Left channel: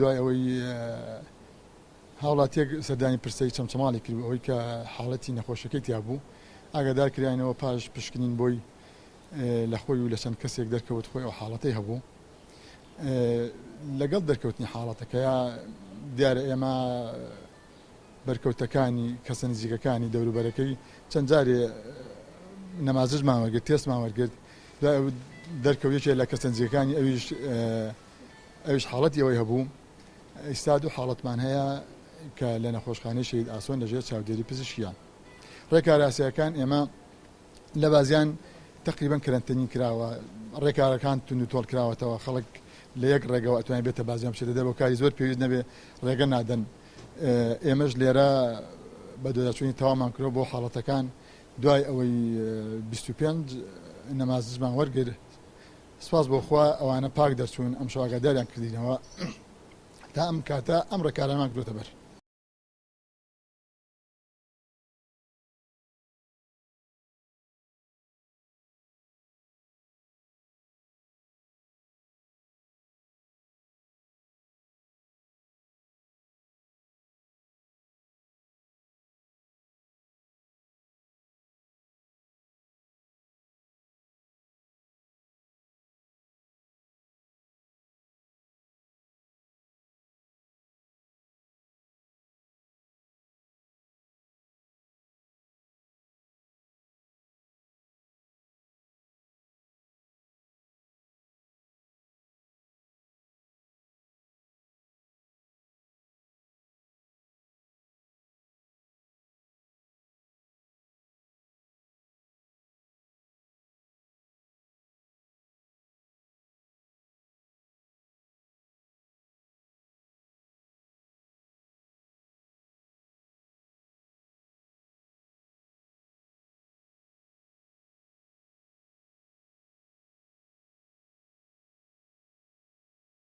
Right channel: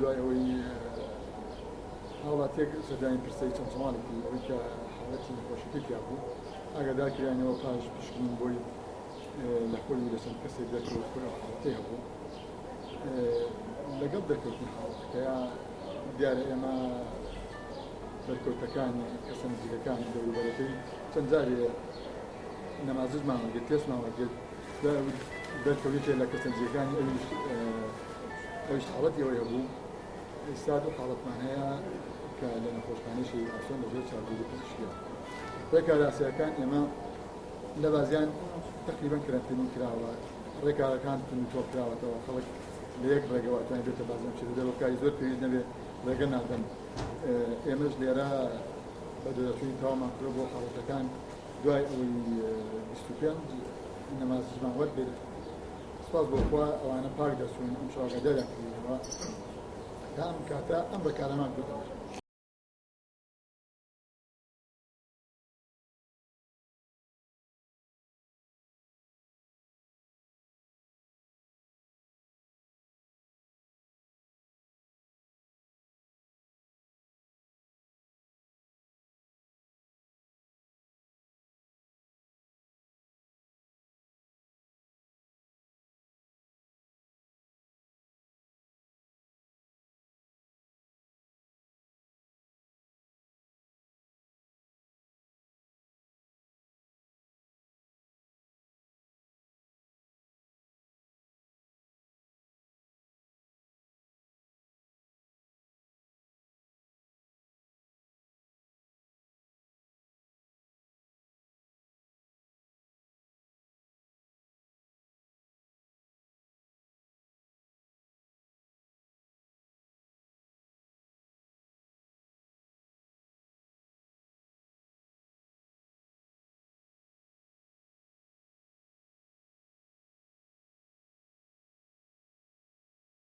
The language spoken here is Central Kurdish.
دوای ئەوەی هاوڵاتیەک سەردانی پرسەی چەمچەماڵێکی ئەوەی کە حاڵەتی نەخۆشەکەی تیا بوو ئاگادار کراینەوە پاش پشکنین بۆی لە خۆی و لە چەند کەسێک دەرکەوت خۆی ئەو حاڵەتەی هەبوو لەگەڵ دەرکەوتنی حاڵەتەکەیە دیارە ئێمە بەرکەوتەکانی کەسە نزیکەکانی دەوروبەرەکەی چەند جارێ نەمازژمان وەرگرت تێسمان وەرگرت دەرکەوتێکی لە کەسە نزیکەکانی ئەویش حاڵەتی ئەوەی هەبوو ئێستا دوو حاڵەتمان هەیە کە لە نەخۆشخانەی شەهید ئاسۆن لەژێر چاودێری پزیشکیە ڕێکاراسیەکان ئێمە لە بازیان تقریبا کەرەنتینی کراوە ڕێکارەکان تون و تۆڵ کراوەتەوە خەڵک لە یەک ڕێگەوە ئەتوانێت بێتە بازیان بچێتە دەرەوە کاری زۆر پێویست نەبێ ڕێگە نادەن ئێمەش لێرە بە دۆداچوونی تەوامان کرۆ بۆ حاڵەتەکان دوای ئەوەی 25 نەمازمان وەرگر سپاس بۆ خوا ئەوانە پاک دەرچوون ئەم شەو ئاگاداریان کردینەوە تا ئەم کاتە ئەم ڕێکارەمان کردوتە بەر